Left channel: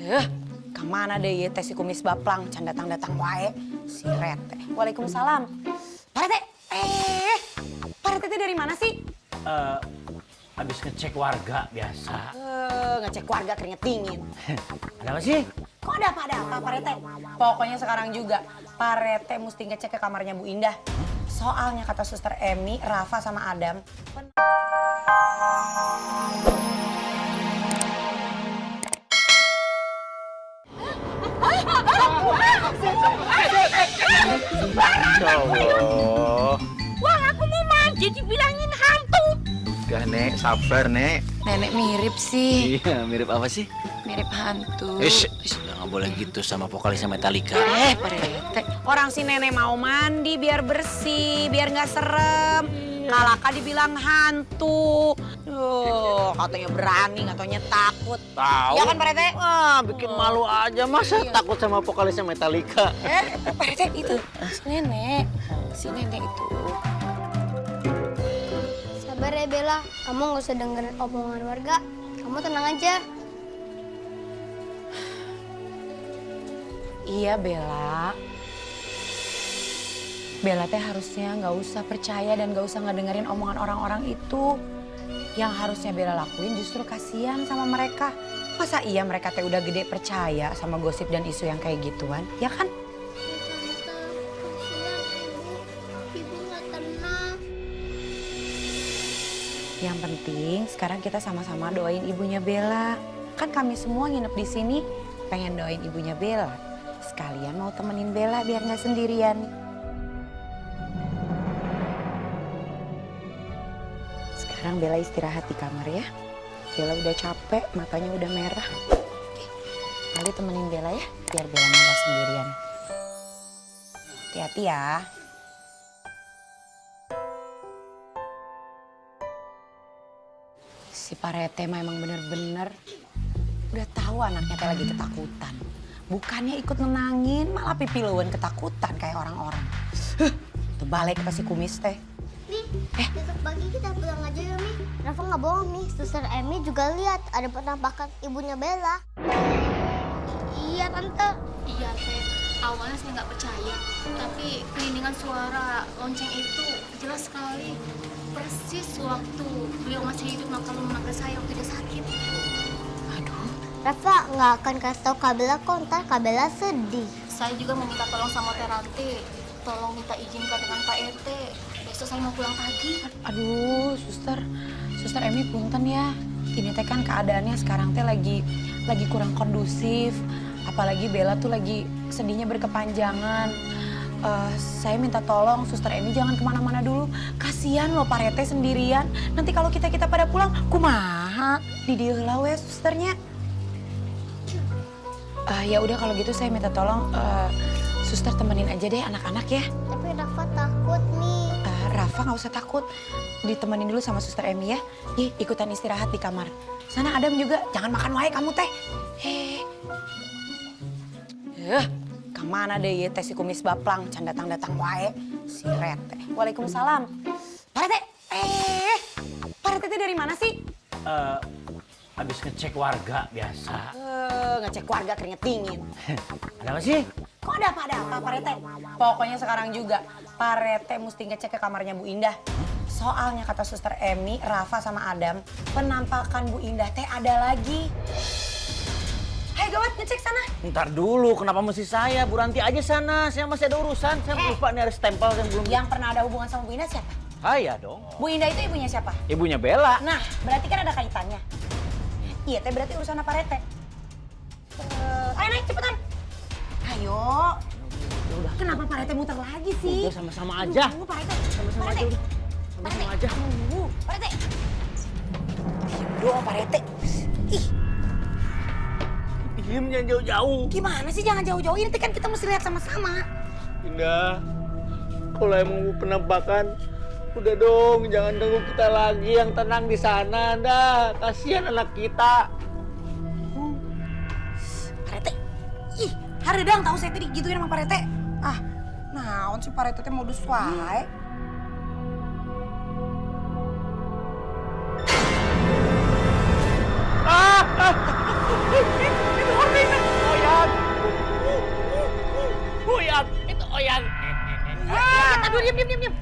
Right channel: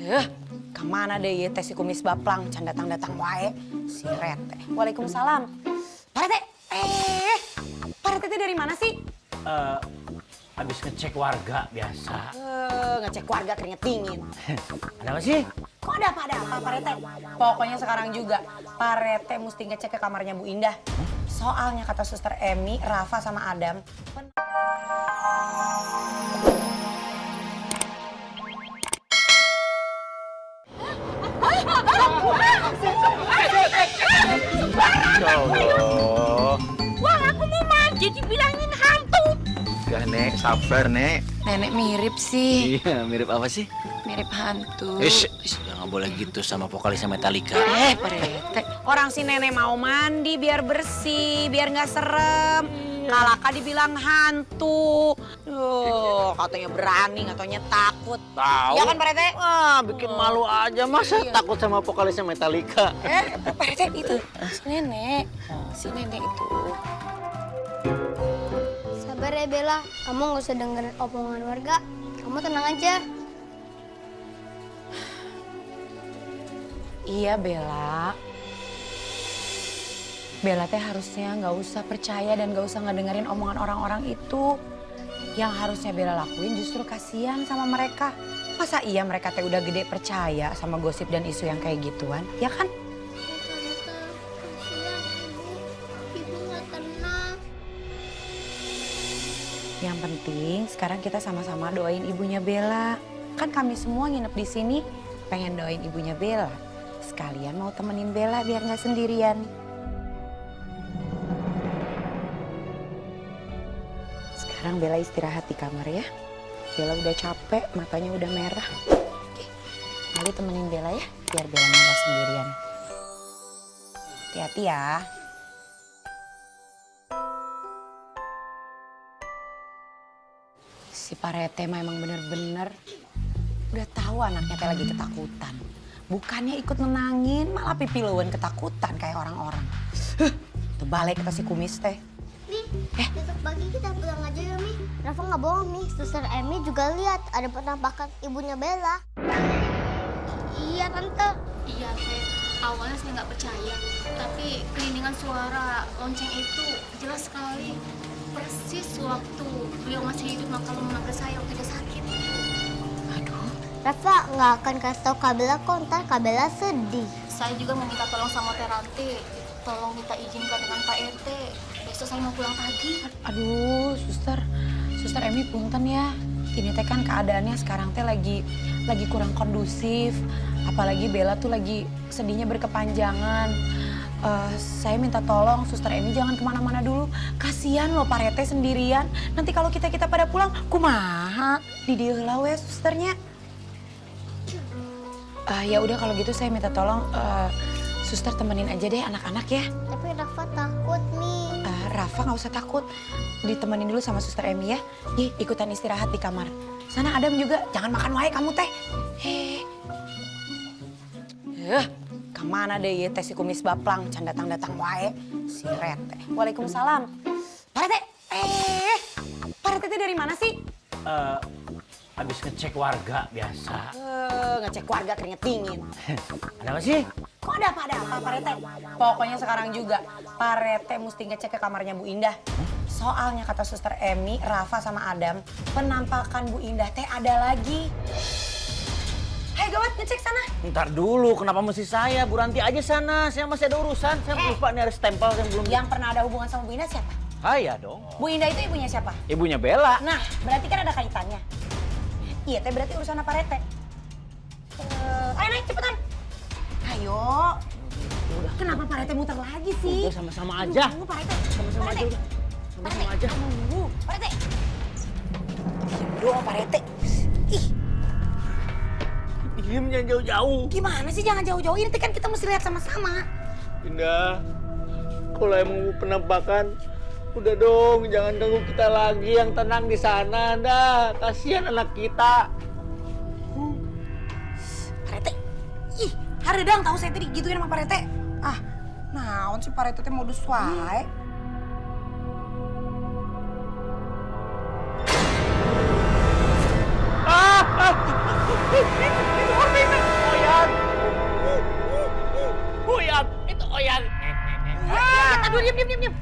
Eh, kemana deh ya teh si kumis baplang, can datang-datang wae. Si Rete. Waalaikumsalam. Pak Rete, Pak Rete dari mana sih? Habis ngecek warga biasa. Ngecek warga keringet dingin. Ada apa sih? Kok ada apa Pak Rete? Pokoknya sekarang juga Pak Rete mesti ngecek ke kamarnya Bu Indah. Soalnya kata Suster Emi, Rafa sama Adam. Allah. Wah, aku mau mandi dibilangin hantu. Gak, Nek. Sabar, Nek. Nenek mirip sih, Iya, mirip apa sih? mirip hantu. Udah nggak boleh gitu sama vokalisnya Metallica. Pak Rete, orang si nenek mau mandi biar bersih, biar nggak serem. Kalaka dibilang hantu. Katanya berani, katanya takut. Tahu. Ya kan Pak Rete? Wah, bikin malu aja. Masa takut sama vokalisnya Metallica? Pak Rete itu si nenek. Si nenek itu. Sabar ya Bella, kamu nggak usah dengerin omongan warga. Kamu tenang aja. Iya Bella. Bella teh harusnya nggak usah percaya dan nggak usah ngedengerin omongan orang-orang itu. Yang harusnya Bella lakuin justru kasihan sama mereka. Masa iya mereka teh udah gede percaya sama gosip dan isu yang kayak gituan, ya kan? Tante, kasihan ibu. Ibu nggak tenang. Yang penting sekarang kita sama-sama doain ibunya Bella. Kan kami semua nginep di sini pengen doain ibunya Bella. Sekalian mau temenin Bella biar nggak sendirian. Sekarang Bella istirahat di kamar ya. Bella udah capek, matanya udah merah. Oke, Ali temenin Bella ya, biar Bella nggak sendirian. Hati-hati ya. Si Pak Rete mah emang bener-bener udah tahu anaknya teh lagi ketakutan. Bukannya ikut nenangin, malah pipiluan ketakutan kayak orang-orang. Tuh balik ke si kumis teh. Mi, besok pagi kita pulang aja ya Mi. Rafa nggak bohong Mi, Suster Emi juga lihat ada penampakan ibunya Bella. Iya Tante. Iya, Teh. Awalnya saya nggak percaya, tapi kelindihan suara lonceng itu jelas sekali. Persis waktu beliau masih hidup kalau memanggil saya waktu dia sakit. Aduh, Rafa nggak akan kasih tau Kak Bella kok, ntar Kak Bella sedih. Saya juga mau minta tolong sama Teh Ranti. Tolong minta izin dengan Pak RT. Besok saya mau pulang pagi. aduh, suster Emi punten ya. Ini teh kan keadaannya sekarang teh lagi kurang kondusif. Apalagi Bella tuh lagi sedihnya berkepanjangan. Saya minta tolong Suster Emi jangan kemana-mana dulu. Kasian loh Pak Rete sendirian. Nanti kalau kita pada pulang, kumaha di dieu heula we susternya. Ya udah kalau gitu saya minta tolong suster temenin aja deh anak-anak ya. Tapi Rafa takut Mi. Rafa nggak usah takut. Ditemenin dulu sama Suster Emi ya. Ih, ikutan istirahat di kamar. Sana Adam juga, jangan makan wae kamu teh. Kemana deh ya teh si kumis baplang, can datang-datang wae. Si Rete. Waalaikumsalam. Pak Rete, Pak Rete dari mana sih? Habis ngecek warga biasa. Ngecek warga keringet dingin. Ada apa sih? Kok ada apa Pak Rete? Pokoknya sekarang juga Pak Rete mesti ngecek ke kamarnya Bu Indah. Soalnya kata Suster Emi, Rafa sama Adam, penampakan Bu Indah teh ada lagi. Hai gawat, ngecek sana. Ntar dulu, kenapa mesti saya? Bu Ranti aja sana, saya masih ada urusan. Saya lupa nih ada stempel yang belum... Yang pernah ada hubungan sama Bu Indah siapa? Saya dong. Bu Indah itu ibunya siapa? Ibunya Bella. Nah, berarti kan ada kaitannya. Iya teh berarti urusan Pak Rete. Ayo naik cepetan. Ayo. Udah. Kenapa Pak Rete muter lagi sih? Udah sama-sama aja. Tunggu Pak Rete. Sama-sama Pak aja Rete. udah. Sama-sama aja. Tunggu, Pak Rete. Diam dong Pak Rete. Ih, Diem jangan jauh-jauh. gimana sih jangan jauh-jauh, ini kan kita mesti lihat sama-sama. Indah, kalau emang mau penampakan, udah dong jangan ganggu kita lagi, yang tenang di sana dah. Kasihan anak kita. Pak Rete, ih, hareudang tahu saya tadi gituin sama Pak Rete. Ah, naon sih Pak Rete teh modus wae. Itu ordena. Oyang. Oyang, itu Oyang. Aduh, diam.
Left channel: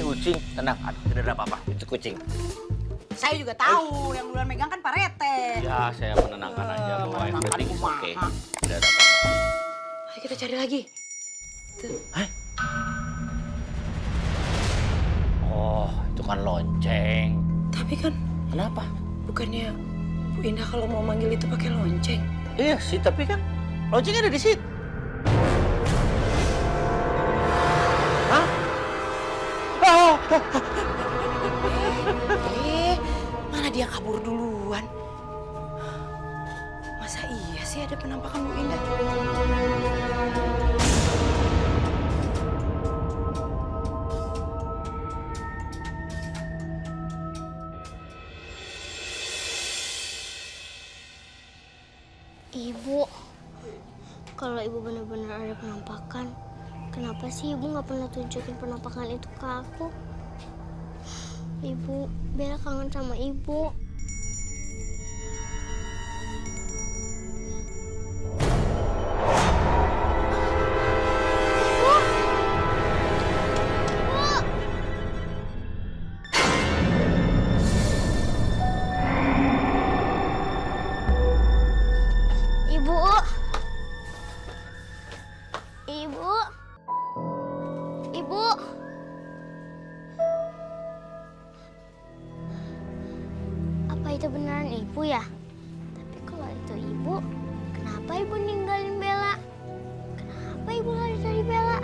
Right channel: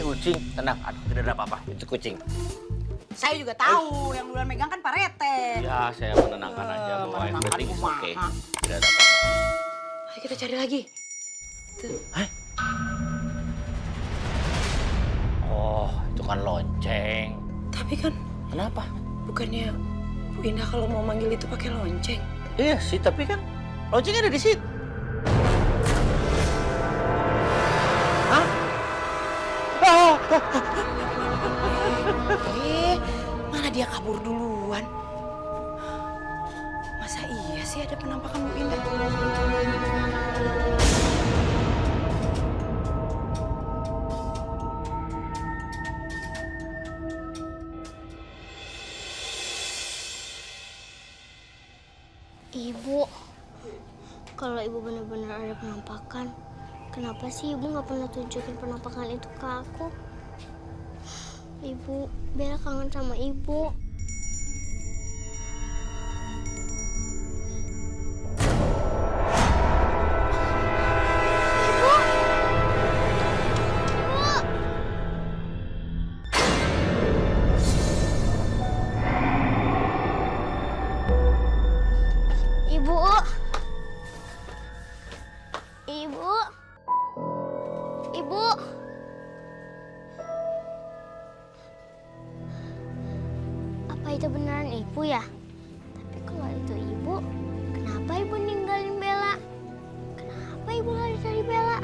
Ucing, tenang. Aduh, tidak ada apa-apa. Itu kucing. Saya juga tahu yang duluan megang kan Pak Rete. Ya, saya menenangkan aja bahwa yang penting is oke. Tidak ada apa-apa. Ayo kita cari lagi. Oh, itu kan lonceng. Tapi kan Kenapa? bukannya Bu Indah kalau mau manggil itu pakai lonceng. Iya sih, tapi kan loncengnya ada di situ. Hah? Malah dia kabur duluan. Masa iya sih ada penampakan Bu Indah? Ibu, kalau ibu benar-benar ada penampakan, kenapa sih ibu nggak pernah tunjukin penampakan itu ke aku? Ibu, Bella kangen sama ibu. Ibu! Ibu! Ibu! Ibu! Ibu! Apa itu beneran ibu ya? Tapi kalau itu ibu, kenapa ibu ninggalin Bella? Kenapa ibu lari dari Bella?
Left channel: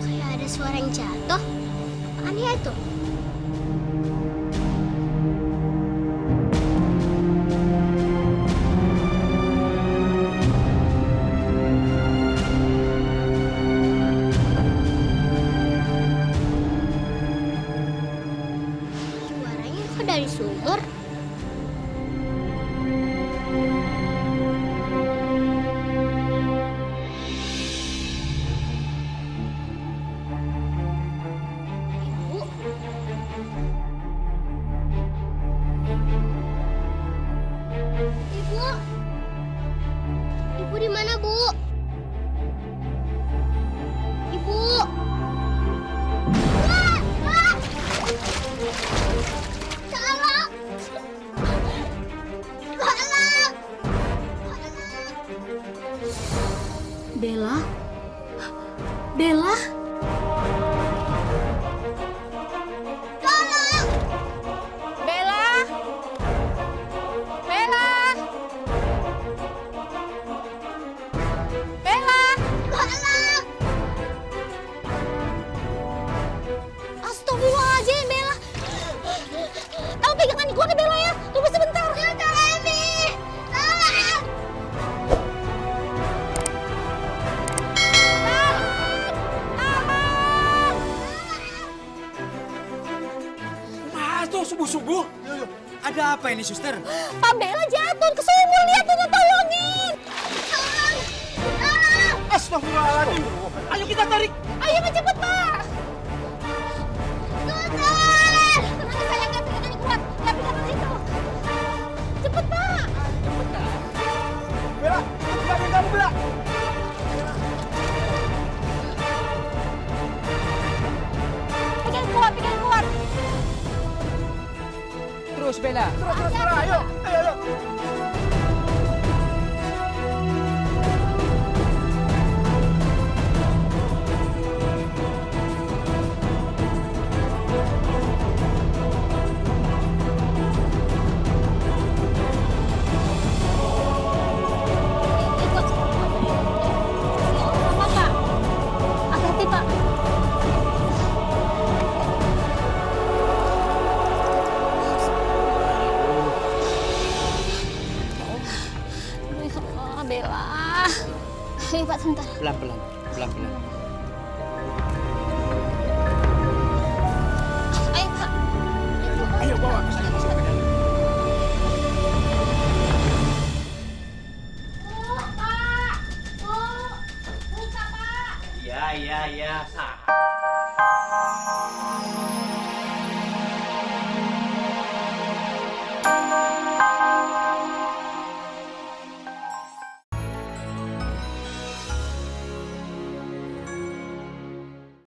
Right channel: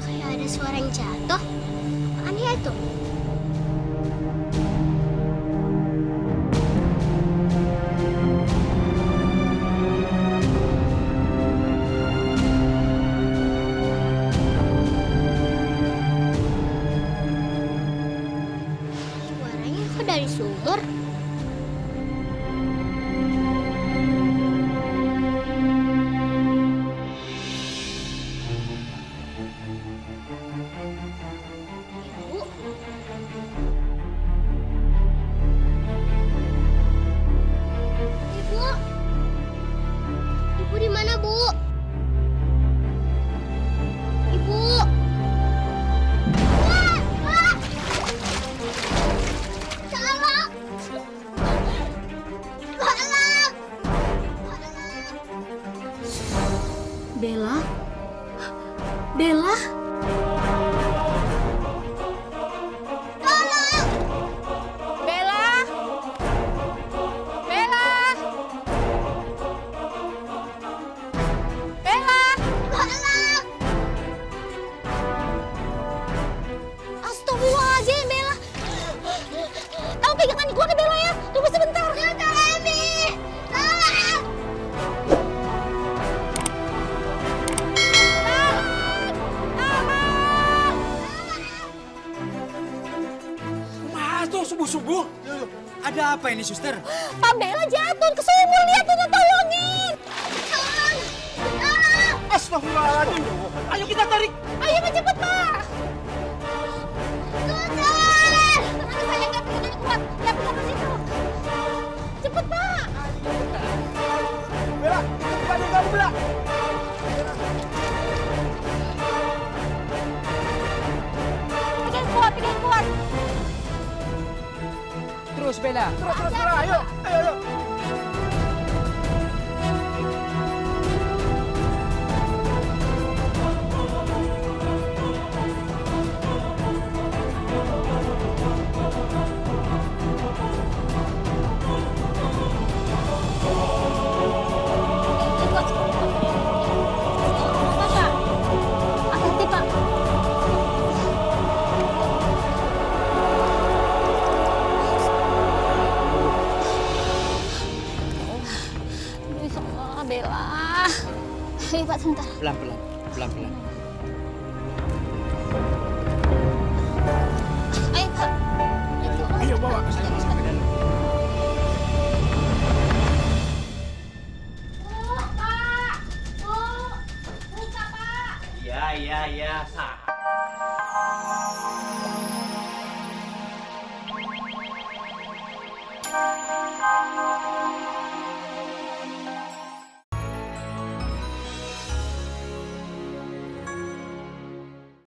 Kayak ada suara yang jatuh. Apaan ya itu? Suaranya kok dari sumur? Ibu? Ibu? Ibu di mana, Bu? Ibu? Wah! Wah! Tolong! Tolong! Bella? Bella? Tolong! Bella? Bella? Bella? Tolong! Astagfirullahaladzim, Bella. Kamu pegangan gua ke Bella ya. Tunggu sebentar. Suster Emi! Tolong! Mas tuh subuh-subuh. Ada apa ini, suster? Pak Bella jatuh ke sumur. Lihat tuh, tolongin. Tolong! Tolong! Astagfirullahaladzim. Ayo kita tarik. Ayo cepet, Pak. Suster! Tenang sayang, ya pegangannya kuat. Ya pegangan situ. Cepet, Pak. Bella, ikut badan kamu, Bella. Pegang kuat, pegang kuat. Terus, Bella. Terus, Bella. Ayo, ayo. Hati-hati, Pak. Aduh, ya Allah, Bella. Ayo Pak, sebentar. Pelan-pelan, pelan-pelan. Ayo Pak. Ayo bawa ke sana, masuk ke dalam. saya sah.